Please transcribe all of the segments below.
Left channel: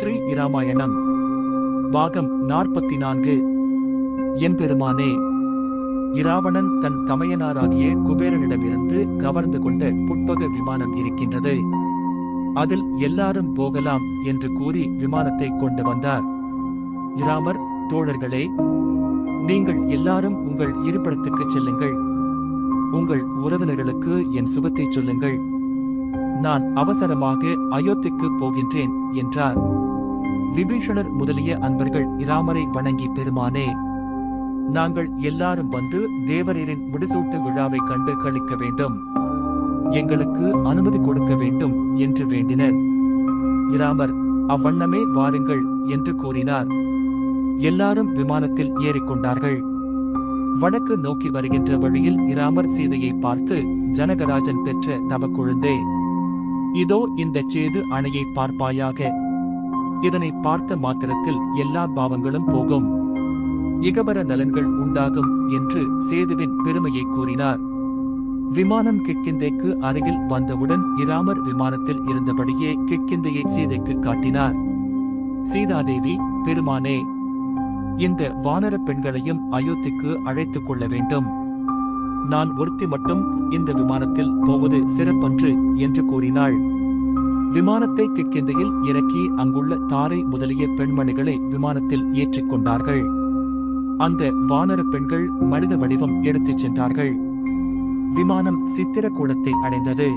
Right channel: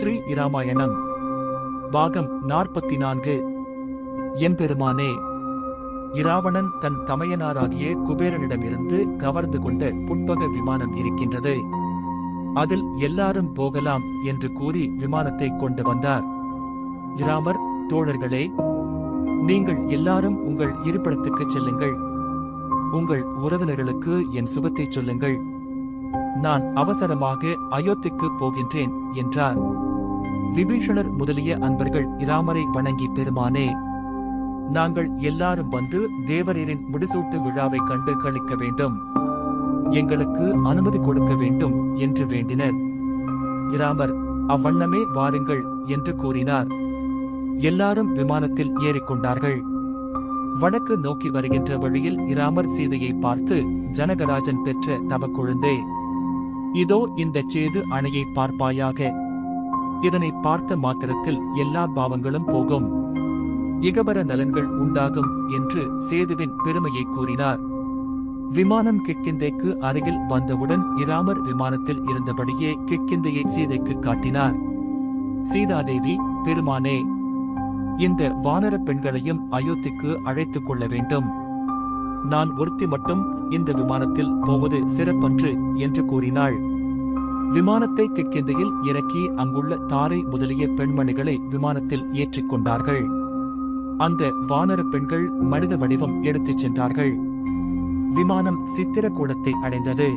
ஸ்ரீ இராமாயணம் பாகம் 44. எம்பெருமானே, இராவணன் தன் தமையனாராகிய குபேரனிடமிருந்து கவர்ந்து கொண்ட புட்பக விமானம் இருக்கின்றது. அதில் எல்லாரும் போகலாம் என்று கூறி விமானத்தை கொண்டு வந்தார். இராமர், தோழர்களே, நீங்கள் எல்லாரும் உங்கள் இருப்பிடத்துக்குச் செல்லுங்கள். உங்கள் உறவினர்களுக்கு என் சுகத்தைச் சொல்லுங்கள். நான் அவசரமாக அயோத்திக்கு போகின்றேன் என்றார். விபீஷணர் முதலிய அன்பர்கள் இராமரை வணங்கி, பெருமானே, நாங்கள் எல்லாரும் வந்து தேவரீரின் முடிசூட்டு விழாவை கண்டு களிக்க வேண்டும். எங்களுக்கு அனுமதி கொடுக்க வேண்டும் என்று வேண்டினர். இராமர், அவ்வண்ணமே வாருங்கள் என்று கூறினார். எல்லாரும் விமானத்தில் ஏறிக்கொண்டார்கள். வடக்கு நோக்கி வருகின்ற வழியில் இராமர் சீதையை பார்த்து, ஜனகராஜன் பெற்ற தவக்குழந்தே, இதோ இந்த சேது அணையை பார்ப்பாயாக. இதனை பார்த்த மாத்திரத்தில் எல்லா பாவங்களும் போகும், இகபர நலன்கள் உண்டாகும் என்று சேதுவின் பெருமையை கூறினார். விமானம் கிட்கிந்தைக்கு அருகில் வந்தவுடன் இராமர் விமானத்தில் இருந்தபடியே கிட்கிந்தையை சீதைக்கு காட்டினார். சீதாதேவி, பெருமானே, இந்த வானர பெண்களையும் அயோத்திக்கு அழைத்துக் கொள்ள வேண்டும். நான் ஒருத்தி மட்டும் இந்த விமானத்தில் போவது சிறப்பன்று என்று கூறினாள். விமானத்தை கிட்கிந்தையில் இறக்கி அங்குள்ள தாரை முதலிய பெண்மணிகளை விமானத்தில் ஏற்றிக் கொண்டார்கள். அந்த வானர பெண்கள் மனித வடிவம் எடுத்துச் சென்றார்கள். விமானம் சித்திரக்கூடத்தை அடைந்தது.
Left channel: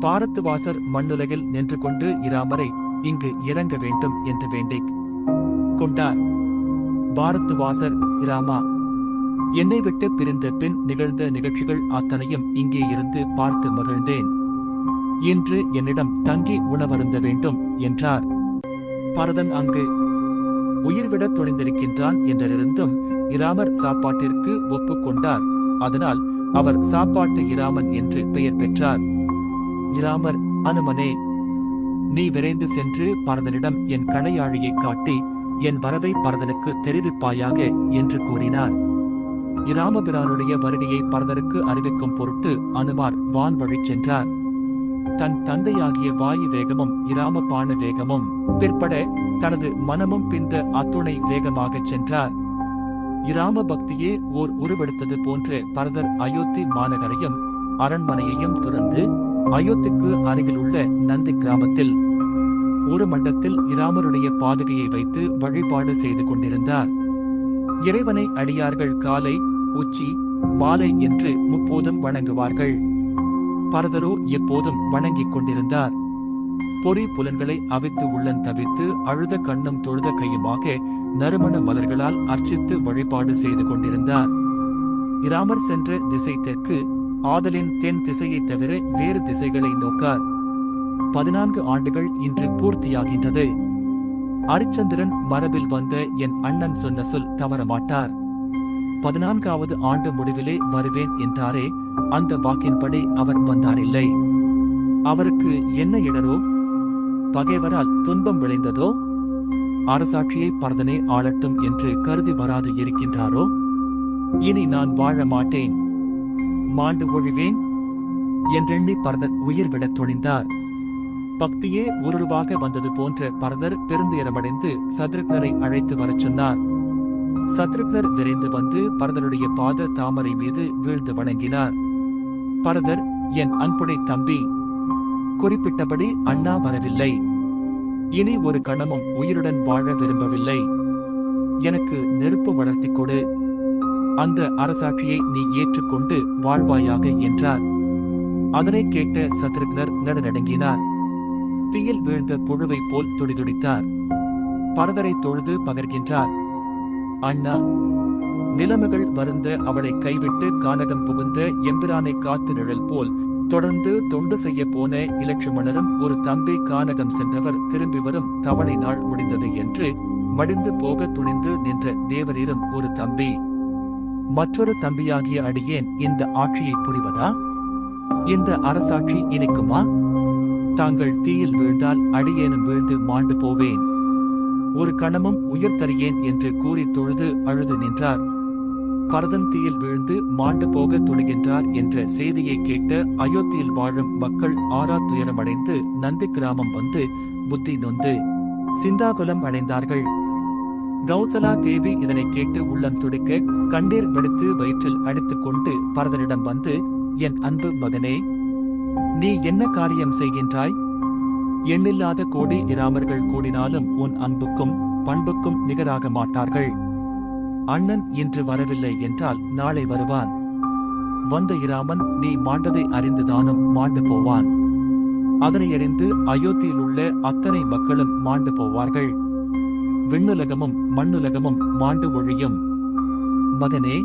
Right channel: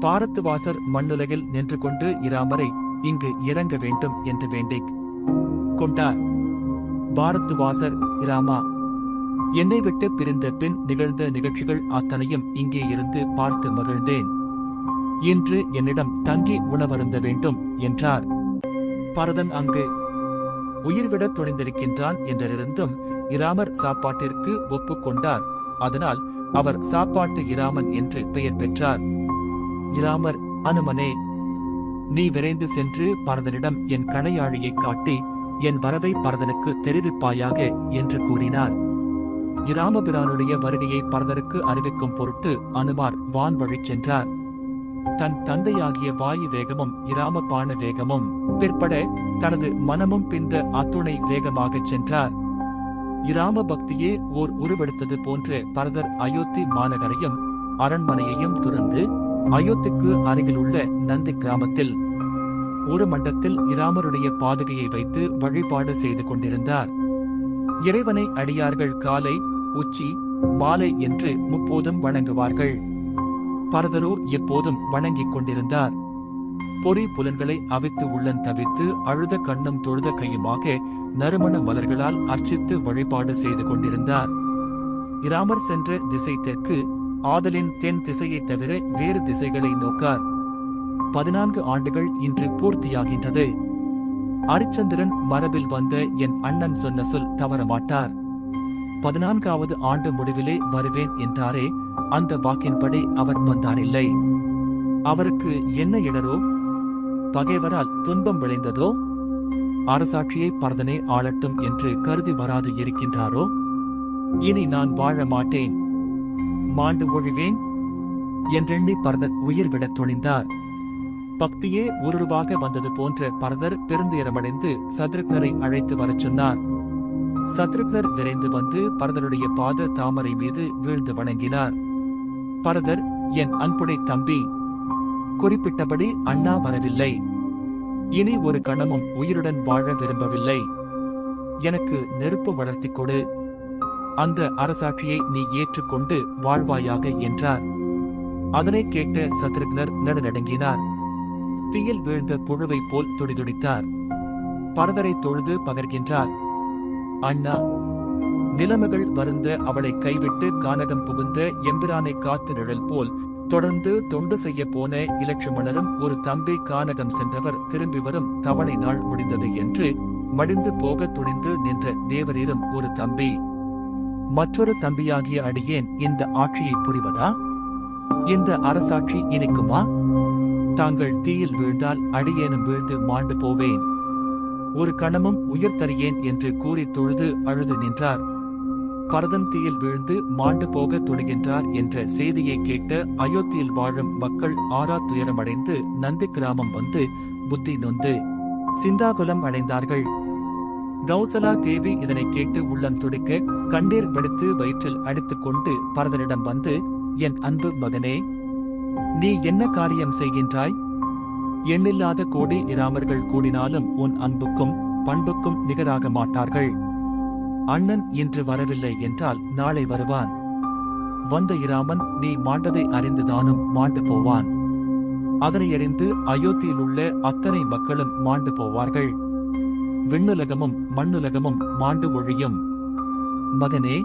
பாரத்துவாசர் மண்ணுலகில் நின்று கொண்டு இராமரை இங்கு இறங்க வேண்டும் என்று வேண்டிக் கொண்டார். பாரத்துவாசர், இராமா, என்னை விட்டு பிரிந்த பின் நிகழ்ந்த நிகழ்ச்சிகள் அத்தனையும் இங்கே இருந்து பார்த்து மகிழ்ந்தேன். இன்று என்னிடம் தங்கி உணவருந்த வேண்டும் என்றார். பரதன் அங்கு உயிர்விட துணிந்திருக்கின்றான் என்றிருந்தும் இராமர் சாப்பாட்டிற்கு ஒப்புக்கொண்டார். அதனால் அவர் சாப்பாட்டு இராமன் என்று பெயர் பெற்றார். இராமர், அனுமனே, நீ விரைந்து சென்று பரதனிடம் என் கணையாழியை காட்டி என் வரவை பரதனுக்கு தெரிவிப்பாயாக என்று கூறினார். இராமபிரானுடைய வருகையை பரதருக்கு அறிவிக்கும் பொருட்டு அனுமார் வான்வழி சென்றார். தன் தந்தையாகிய வாயு வேகமும் இராம பாண வேகமும் பிற்பட தனது மனமும் பிந்த அத்துணை வேகமாகச் சென்றார். இராம பக்தியே ஓர் உருவெடுத்தது போன்ற பரதர் அயோத்தி மாநகரையும் அரண்மனையையும் துறந்து அயோத்திக்கு அருகிலுள்ள நந்தி கிராமத்தில் ஒரு மண்டத்தில் இராமருடைய பாதுகையை வைத்து வழிபாடு செய்து கொண்டிருந்தார். இறைவனை அடியார்கள் காலை, உச்சி, மாலை என்று முப்போதும் வணங்குவார்கள். பரதரோ எப்போதும் வணங்கிக் கொண்டிருந்தார். பொறி புலன்களை அவித்து உள்ளன் தவித்து அழுத கண்ணும் தொழுத கையுமாக நறுமண மலர்களால் அர்ச்சித்து வழிபாடு செய்து கொண்டிருந்தார். இராமர் சென்ற திசை தெற்கு ஆதலின் தென் திசையைத் தவிர வேறு திசைகளை நோக்கார். 14 ஆண்டுகள் இன்று பூர்த்தியாகின்றது. அரிச்சந்திரன் மரபில் வந்த என் அண்ணன் சொன்ன சொல் தவறமாட்டார். 14வது ஆண்டு முடிவிலே வருவேன் என்றாரே, அந்த வாக்கின்படி அவர் வந்தாரில்லை. அவருக்கு என்ன இடரோ, பகைவரால் துன்பம் விளைந்ததோ, அரசாட்சியை பரதனே ஆளட்டும் என்று கருதி வராது இருக்கின்றாரோ? இனி நான் வாழ மாட்டேன், மாண்டு ஒழிவேன் என்றெண்ணி பரதர் உயிர்விடத் துணிந்தார். பக்தியே உருவாக வந்தது போன்ற பரதர் பெருந்துயரமடைந்து சத்ருக்னரை அழைத்து வரச் சொன்னார். சத்ருக்னர் விரைந்து வந்து பரதருடைய பாத தாமரை மீது வீழ்ந்து வணங்கினார். பரதர், என் அன்புடை தம்பி, குறிப்பிட்டபடி அண்ணா வரவில்லை. இனி ஒரு கணமும் உயிருடன் வாழ விரும்பவில்லை. எனக்கு நெருப்பு வளர்த்திக் கொடு. அந்த அரசாட்சியை நீ ஏற்றுக்கொண்டு வாழ்வாயாக என்றார். அதனை கேட்ட சத்ருக்னர் நடுநடுங்கினார். தீயில் வீழ்ந்த புழுவைப் போல் துடிதுடித்தார். பரதரை தொழுது பகர்கின்றார். அண்ணா, நிலைமைகள் வருந்த அவளை கைவிட்டு கானகம் புகுந்த எம்பிரானை காத்து நிழல் போல் தொடர்ந்து தொண்டு செய்ய போன இலட்சுமணரும் ஒரு தம்பி கானகம் சென்றவர் திரும்பி வரும் தவணை நாள் முடிந்தது என்று மடிந்து போக துணிந்து நின்ற தேவரீரும் ஒரு தம்பி. மற்றொரு தம்பியாகிய அடியேன் இந்த ஆட்சியை புரிவதா? இந்த அரசாட்சி இனிக்குமா? தாங்கள் தீயில் வீழ்ந்தால் அடியேனும் வீழ்ந்து மாண்டு போவேன். ஒரு கணமும் உயிர் தரியேன் என்று கூறி தொழுது அழுது நின்றார். பரதன் தீயில் வீழ்ந்து மாண்டு போக துணிகின்றார் என்ற செய்தியை கேட்ட அயோத்தியில் வாழும் மக்கள் ஆறா துயரமடைந்து நந்தி கிராமம் வந்து புத்தி நொந்து சிந்தாகுலம் அடைந்தார்கள். கௌசலா தேவி இதனை கேட்டு உள்ளம் துடிக்க கண்ணீர் வெடித்து வயிற்றில் அடித்துக் கொண்டு பரதரிடம் வந்து, என் அன்பு மகனே, நீ என்ன காரியம் செய்கின்றாய்? எண்ணில்லாத கோடி இராமர்கள் கூடினாலும் உன் அன்புக்கும் பண்புக்கும் நிகராக மாட்டார்கள். அண்ணன் இன்று வரவில்லை என்றால் நாளை வருவான். வந்த இராமன் நீ மாண்டதை அறிந்துதானும் மாண்டு போவான். அதனை அறிந்து அயோத்தியில் உள்ள அத்தனை மக்களும் மாண்டு போவார்கள். விண்ணுலகமும் மண்ணுலகமும் மாண்டு ஒழியும். மகனே,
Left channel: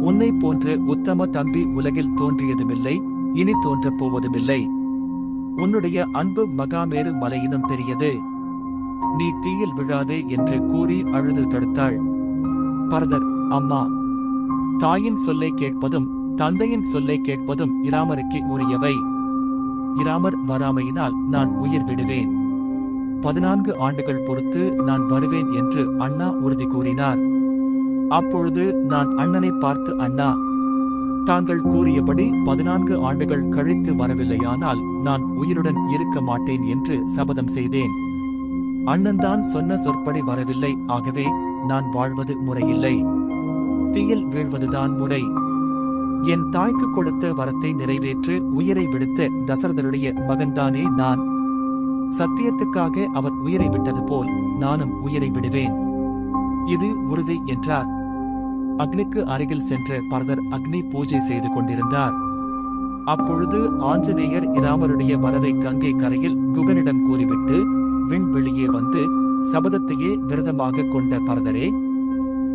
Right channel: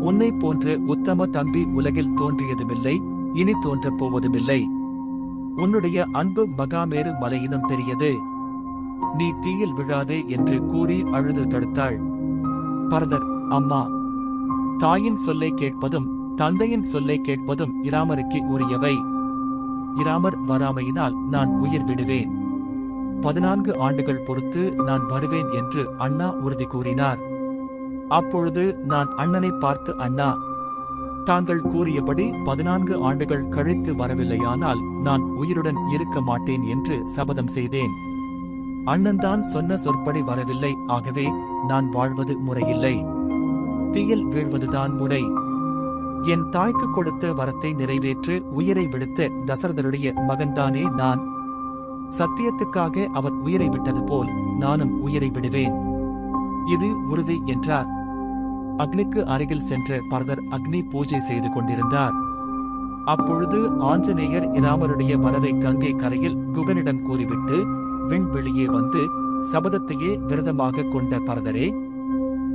உன்னை போன்ற உத்தம தம்பி உலகில் தோன்றியதுமில்லை, இனி தோன்றப் போவதுமில்லை. உன்னுடைய அன்பு மகாமேரு மலையினும் பெரியது. நீ தீயில் விழாதே என்று கூறி அழுது தடுத்தாள். பரதர், அம்மா, தாயின் சொல்லை கேட்பதும் தந்தையின் சொல்லை கேட்பதும் இராமருக்கு உரியவை. இராமர் வராமையினால் நான் உயிர் விடுவேன். 14 ஆண்டுகள் பொறுத்து நான் வருவேன் என்று அண்ணா உறுதி கூறினார். அப்பொழுது நான் அண்ணனை பார்த்து, அண்ணா, தாங்கள் கூறியபடி 14 ஆண்டுகள் கழித்து வரவில்லையானால் நான் உயிருடன் இருக்க மாட்டேன் என்று சபதம் செய்தேன். அண்ணன்தான் சொன்ன சொற்படி வரவில்லை, ஆகவே நான் வாழ்வது முறையில்லை. தீயில் வீழ்வதுதான் முறை. என் தாய்க்கு கொடுத்த வரத்தை நிறைவேற்று உயிரை விடுத்த தசரதருடைய மகன்தானே நான். சத்தியத்துக்காக அவர் உயிரை விட்டது போல் நானும் உயிரை விடுவேன். இது உறுதி என்றார். அக்னிக்கு அருகில் சென்ற பரதர் அக்னி பூஜை செய்து கொண்டிருந்தார். அப்பொழுது ஆஞ்சநேயர் இராமருடைய வரவை கங்கை கரையில் குகனிடம் கூறிவிட்டு விண்வெளியே வந்து சபதத்தையே விரதமாக கொண்ட பரதரே,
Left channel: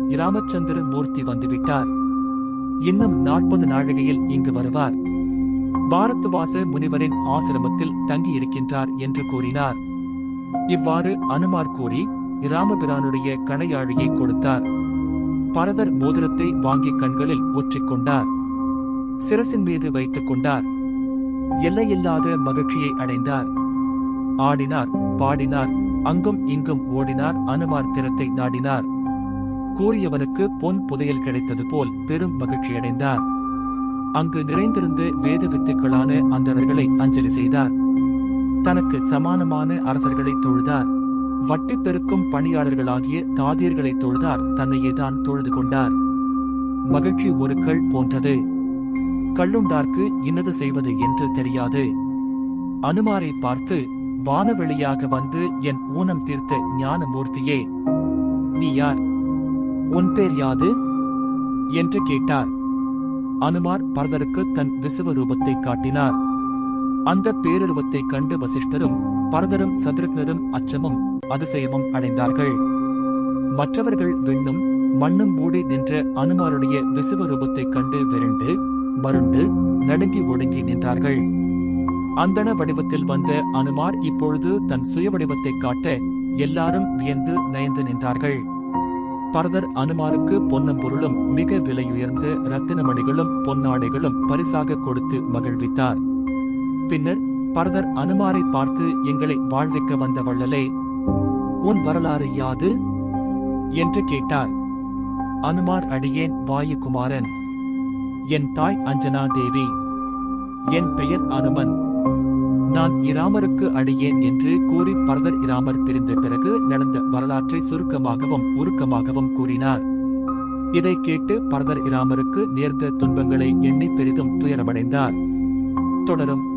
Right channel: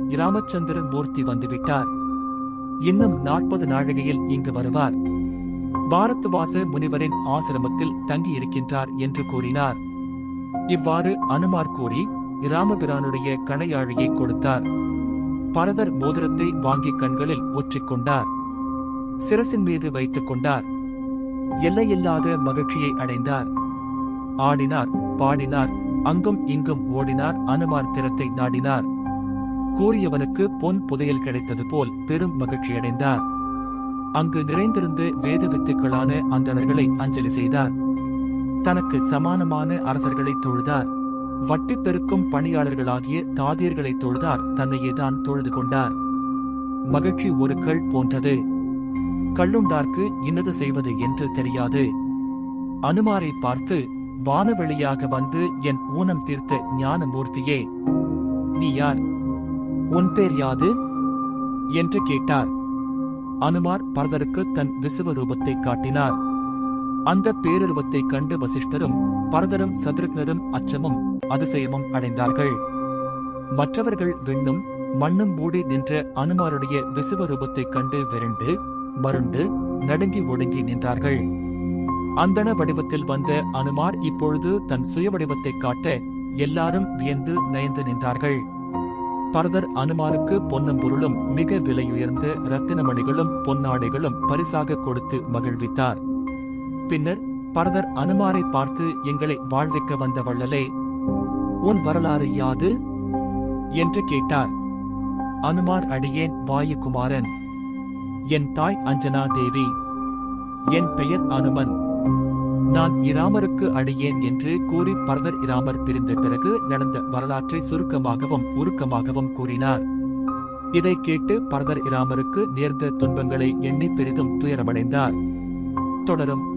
இராமச்சந்திர மூர்த்தி வந்துவிட்டார். இன்னும் 40 நாழிகையில் இங்கு வருவார். பாரத்வாச முனிவரின் ஆசிரமத்தில் தங்கியிருக்கின்றார் என்று கூறினார். இவ்வாறு அனுமார் கூறி இராமபிரானுடைய கணையாழியை கொடுத்தார். பரதர் மோதிரத்தை வாங்கி கண்களில் ஒற்றிக்கொண்டார். சிரசின் மீது வைத்துக் கொண்டார். எல்லையில்லாத மகிழ்ச்சியை அடைந்தார். ஆடினார், பாடினார், அங்கும் இங்கும் ஓடினார். அனுமார் திறத்தை நாடினார். கூறியவனுக்கு பொன் புதையல் கிடைத்தது போல் பெரும் மகிழ்ச்சியடைந்தார். அங்கு நிறைந்திருந்த வேத வித்துக்களான அந்தணர்களை அஞ்சலி செய்தார். தனக்கு சமானமான அரசர்களை தொழுதார். வட்டி பெருக்கும் பணியாளர்களாகிய தாதியர்களை தொழுதார். தன்னையேதான் தொழுது கொண்டார். மகிழ்ச்சி ஒரு கள் போன்றது. கள்ளுண்டார்க்கு இன்னது செய்வது என்று தெரியாது. அனுமாரை பார்த்து, வானவெளியாக வந்து என் ஊனம் தீர்த்த ஞானமூர்த்தியே, நீ யார்? உன் பேர் யாது என்று கேட்டார். அனுமார் பரதருக்கு தன் விசுவரூபத்தை காட்டினார். அந்த பேருருவத்தைக் கண்டு வசிஷ்டரும் பரதரும் சத்ருக்னரும் அச்சமும் அதிசயமும் அடைந்தார்கள். மற்றவர்கள் விண்ணும் மண்ணும் மூடி நின்ற அனுமாருடைய விசுவரூபத்தைக் கண்டு விரண்டு மருண்டு நடுங்கி ஒடுங்கி நின்றார்கள். அந்தண வடிவத்தில் வந்த அனுமார் இப்பொழுது தன் சுய வடிவத்தைக் காட்ட எல்லாரும் வியந்து நயந்து நின்றார்கள். பரதர் அனுமாருக்கு பொன்னும் பொருளும் மிக விலையுயர்ந்த இரத்தினமணிகளும் பொன்னாடைகளும் பரிசாக கொடுத்து மகிழ்வித்தார். பின்னர் பரதர் அனுமாரை பார்த்து, எங்களை வாழ்விக்க வந்த வள்ளலே, உன் வரலாறு யாது என்று கேட்டார். அனுமார், அடியேன் வாயுகுமாரன். என் தாய் அஞ்சனா தேவி. என் பெயர் அனுமன். நான் இராமருக்கு அடியேன் என்று கூறி பரதர் இராமர் பிரிந்த பிறகு நடந்த வரலாற்றை சுருக்கமாகவும் உருக்கமாகவும் கூறினார். இதை கேட்டு பரதர் இராமருக்கு நேர்ந்த துன்பங்களை எண்ணி பெரிதும் துயரமடைந்தார். தொடரும்.